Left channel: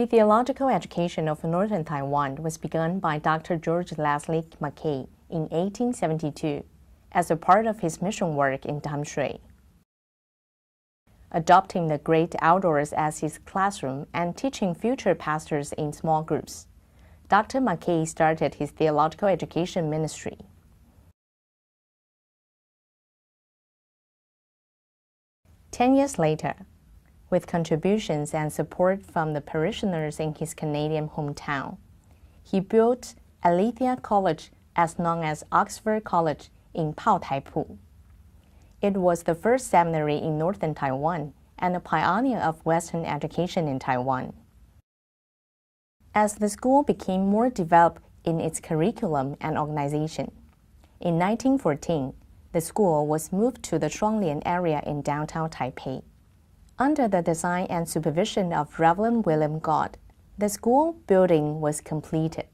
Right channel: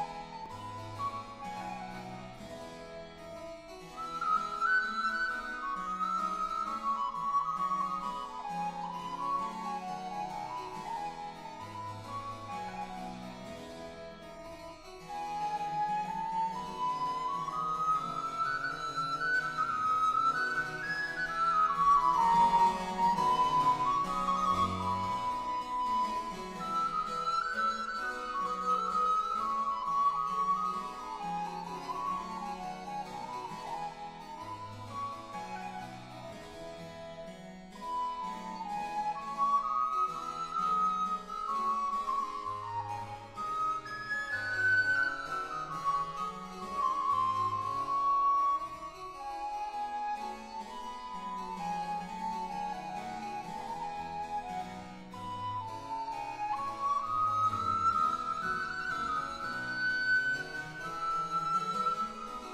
The theological education of northern Taiwan was begun by Dr. George Leslie Mackay in 1872 as a part of his mission work in Damshui. Adopting the great outdoors as his classroom and teaching future pastors in small groups, Dr. Mackay started his theological education ministry. Ten years later, with contributions and support from the parishioners in his Canadian hometown, he built Aletheia College, as known as Oxford College, in Paotaipu. It was the first seminary in northern Taiwan and a pioneer of Western education in Taiwan. As the school became more developed in its curriculum and organization, in 1914, the school was moved to the Shuanglian area in downtown Taipei. Under the design and supervision of Reverend William God, the school building was completed.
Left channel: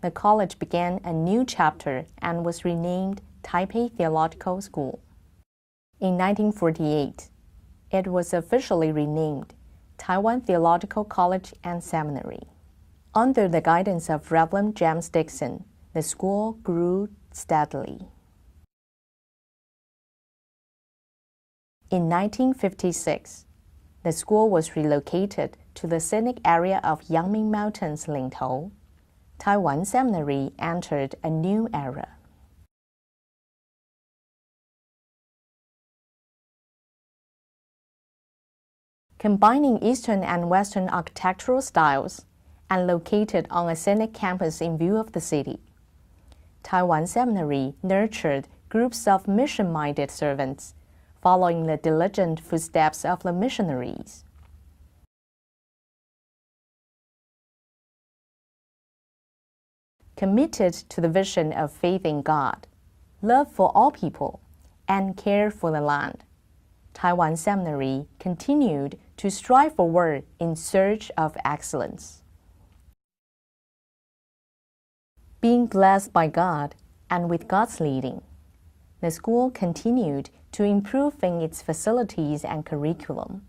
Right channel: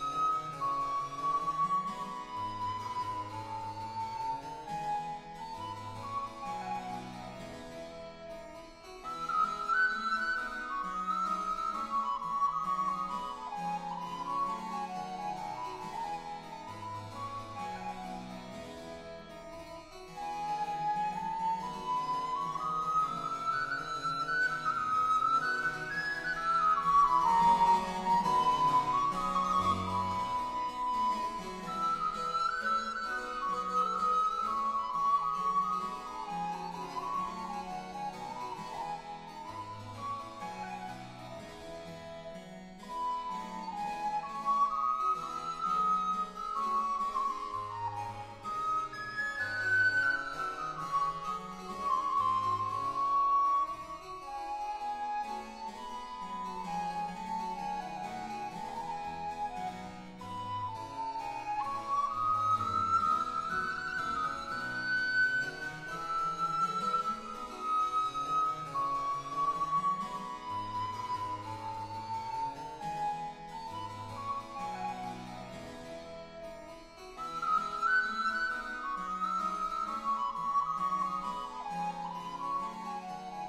The college began a new chapter and was renamed Taipei Theological School. In 1948, it was officially renamed Taiwan Theological College and Seminary. Under the guidance of Reverend James Dixon, the school grew steadily. In 1956, the school was relocated to the scenic area of Yangming Mountains, Lingtou. Taiwan Seminary entered a new era. Combining Eastern and Western architectural styles and located on a scenic campus in view of the city, Taiwan Seminary nurtured groups of mission-minded servants, following the diligent footsteps of the missionaries. Committed to the vision of faith in God, love for all people, and care for the land, Taiwan Seminary continued to strive forward in search of excellence. Being blessed by God and with God's leading, the school continued to improve in its facilities and curriculum.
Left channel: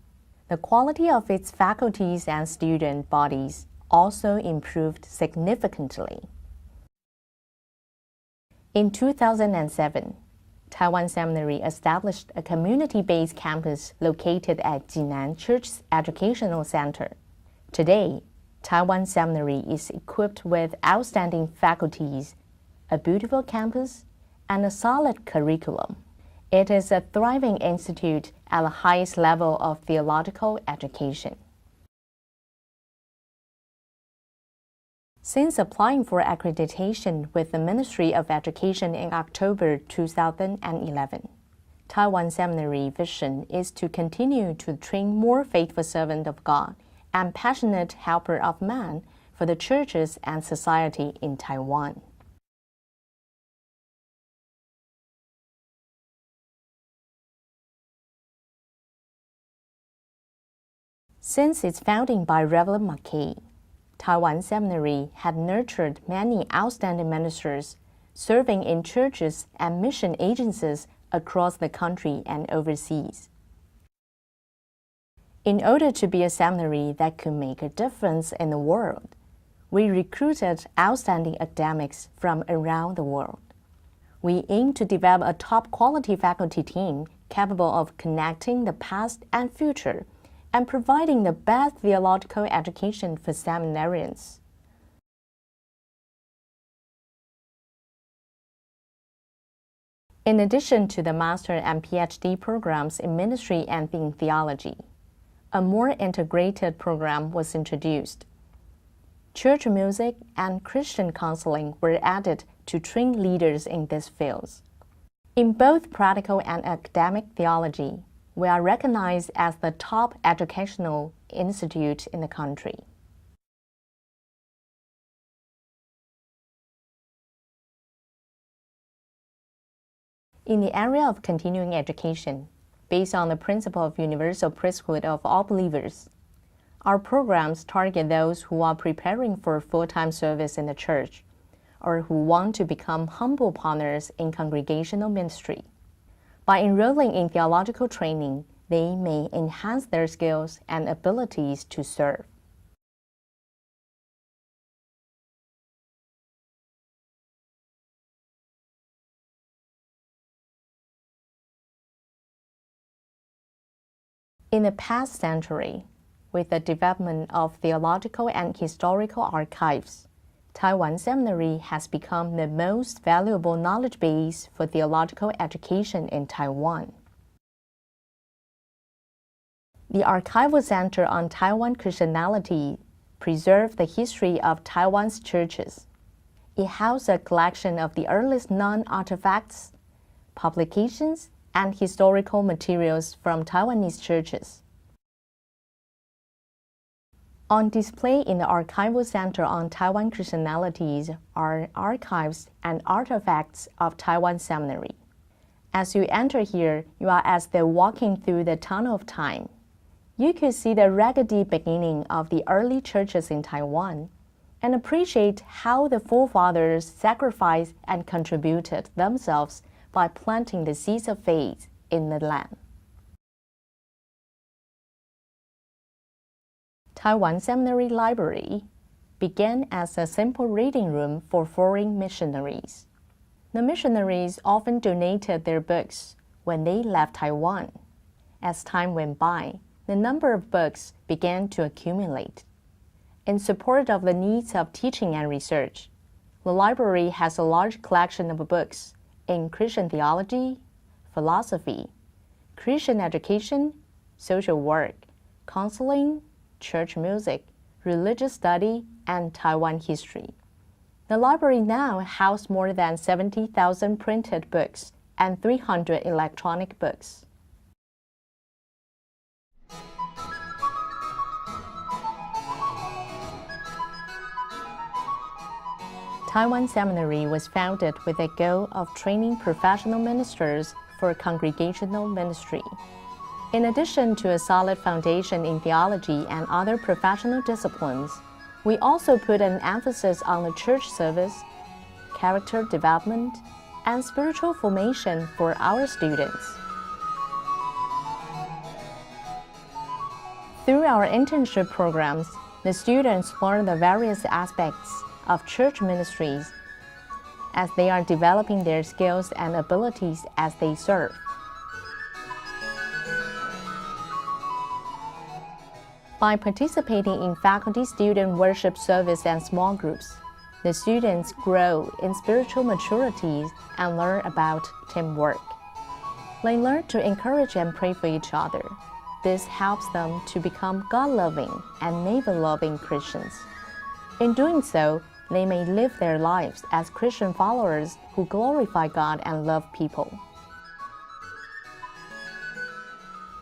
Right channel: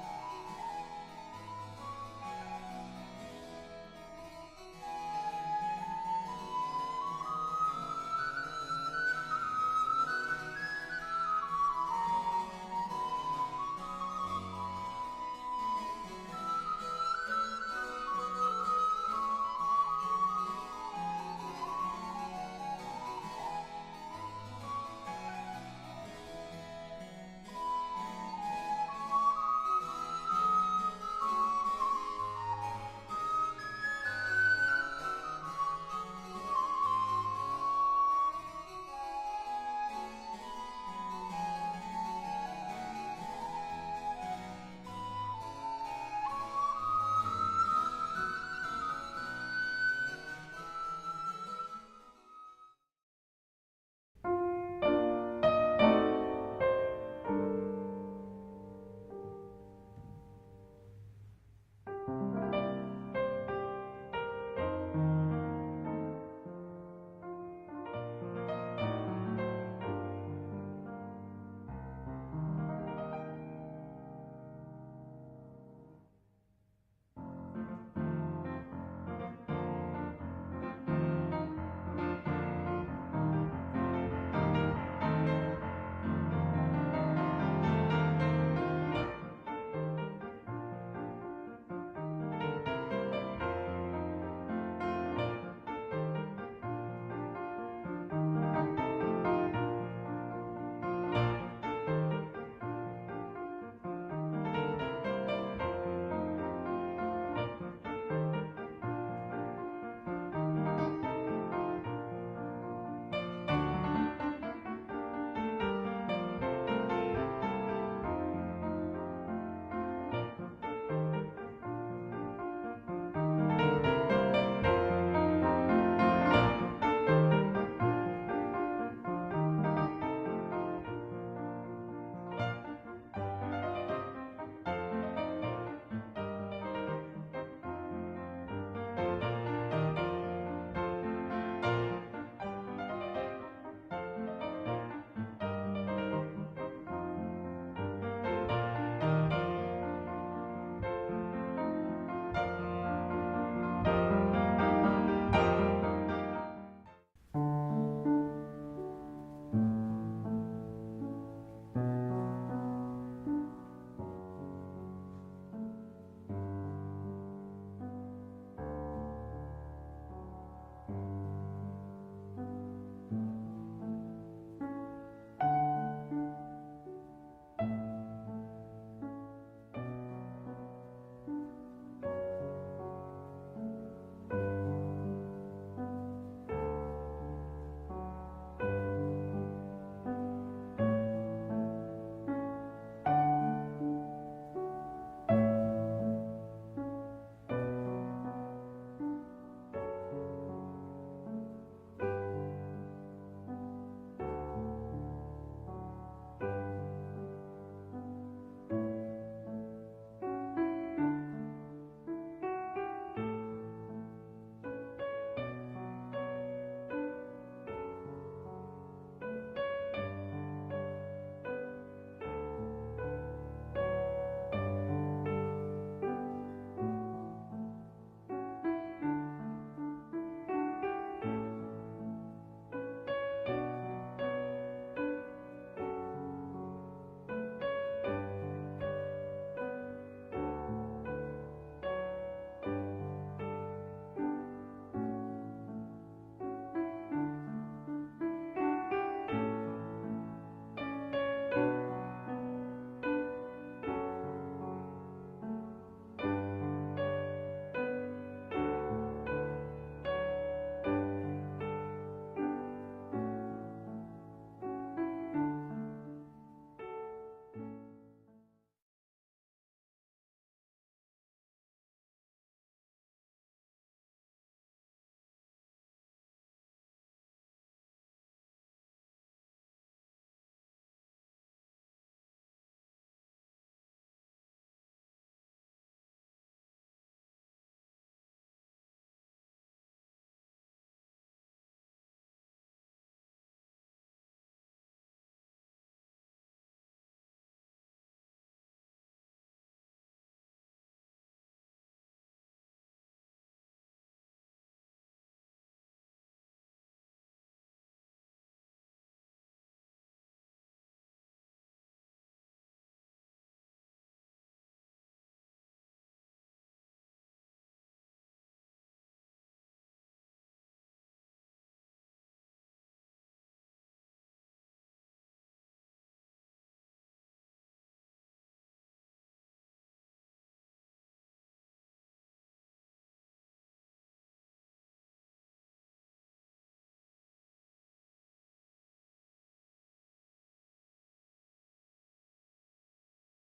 The quality of its faculties and student bodies also improved significantly. In 2007, Taiwan Seminary established a community-based campus located at Jinan Church's Educational Center. Today, Taiwan Seminary is equipped with outstanding faculties, a beautiful campus, and a solid curriculum. It is a thriving institute at the highest level of theological education. Since applying for accreditation with the Ministry of Education in October 2011, Taiwan Seminary vision is to continue to train more faithful servants of God and passionate helper of man for the churches and society in Taiwan. Since its founding by Reverend Mackay, Taiwan Seminary had nurtured many outstanding ministers serving in churches and mission agencies across the country and overseas. In order to be a seminary that could make a difference in the world, we recruited outstanding academics from around the world. We aim to develop a top-quality faculty team capable of connecting the past and future and providing the best theological education for seminarians. In addition to the master and PhD programs in ministry and in theology, a more integrated program was introduced. Church music and Christian counseling were added to train leaders in these fields. In both practical and academic theology, we are recognized as the top educational institute in the country. In the area of continuing education, based on the principle of universal priesthood of all believers, our programs target those who are preparing for full-time service in the church or who want to become humble partners in congregational ministry. By enrolling in theological training, they may enhance their skills and abilities to serve. In the past century, with the development of theological and historical archives, Taiwan Seminary has become the most valuable knowledge base for theological education in Taiwan. The Archival Center on Taiwan Christianity preserves the history of Taiwan's churches. It houses a collection of the earliest non-artifacts, publications, and historical materials from Taiwanese churches. On display in the Archival Center on Taiwan Christianities are archives and artifacts of Taiwan Seminary. As you enter here, you are as though walking through the tunnel of time. You could see the raggedy beginning of the early churches in Taiwan and appreciate how the forefathers sacrificed and contributed themselves by planting the seeds of faith in the land. Taiwan Seminary Library began as a simple reading room for foreign missionaries. The missionaries often donated their books when they left Taiwan. As time went by, the number of books began to accumulate. In support of the needs of teaching and research, the library has a large collection of books in Christian theology, philosophy, Christian education, social work, counseling, church music, religious study, and Taiwan history. The library now houses more than 70,000 printed books and 300 electronic books. Taiwan Seminary was founded with the goal of training professional ministers for congregational ministry. In addition to a solid foundation in theology and other professional disciplines, we also put an emphasis on the church service, character development, and spiritual formation for our students. Through our internship programs, the students learn the various aspects of church ministries as they are developing their skills and abilities as they serve. By participating in faculty-student worship service and small groups, the students grow in spiritual maturity and learn about teamwork. They learn to encourage and pray for each other. This helps them to become God-loving and neighbor-loving Christians. In doing so, they may live their lives as Christian followers who glorify God and love people.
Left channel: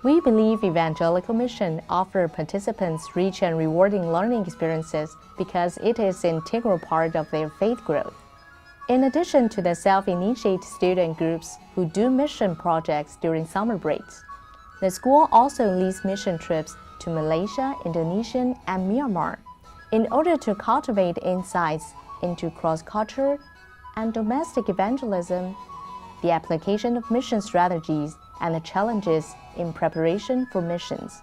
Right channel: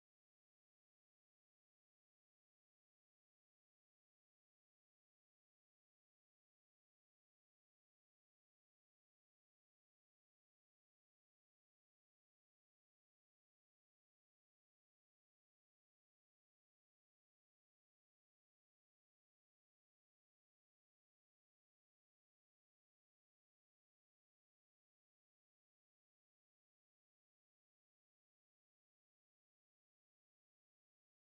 We believe evangelical mission offers participants rich and rewarding learning experiences because it is an integral part of their faith growth. In addition to the self-initiated student groups who do mission projects during summer breaks, the school also leads mission trips to Malaysia, Indonesia, and Myanmar in order to cultivate insights into cross-culture and domestic evangelism, the application of mission strategies, and the challenges in preparation for missions.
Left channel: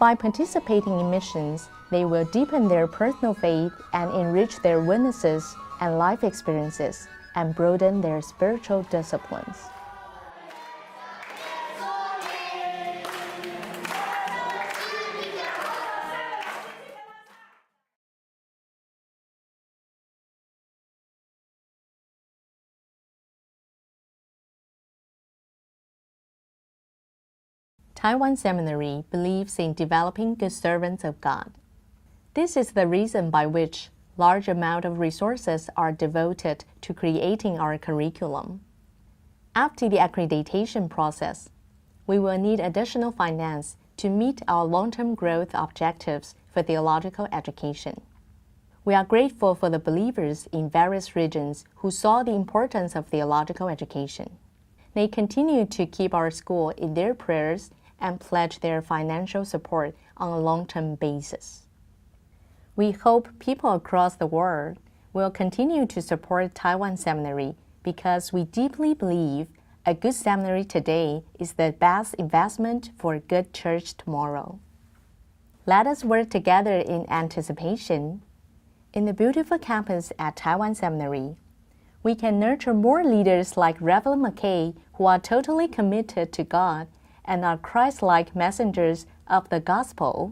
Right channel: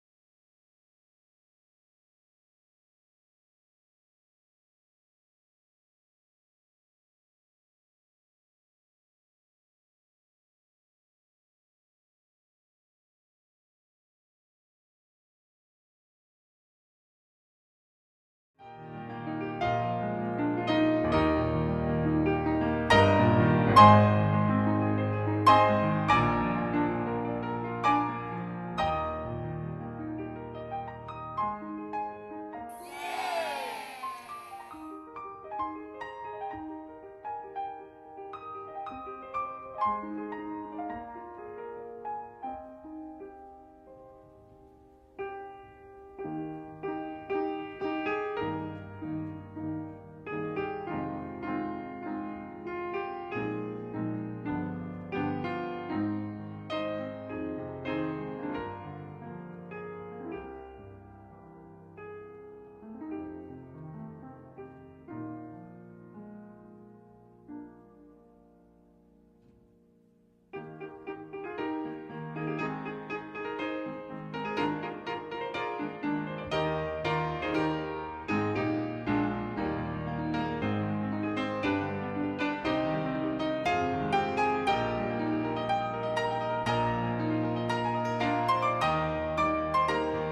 By participating in missions, they will deepen their personal faith and enrich their witnesses and life experiences and broaden their spiritual disciplines. Taiwan Seminary believes in developing good servants of God. This is the reason by which large amount of resources are devoted to creating our curriculum. After the accreditation process, we will need additional finance to meet our long-term growth objectives for theological education. We are grateful for the believers in various regions who saw the importance of theological education. They continue to keep our school in their prayers and pledge their financial support on a long-term basis. We hope people across the world will continue to support Taiwan Seminary because we deeply believe a good seminary today is the best investment for a good church tomorrow. Let us work together in anticipation. In the beautiful campus at Taiwan Seminary, we can nurture more leaders like Reverend McKay who are totally committed to God and are Christ-like messengers of the Gospel.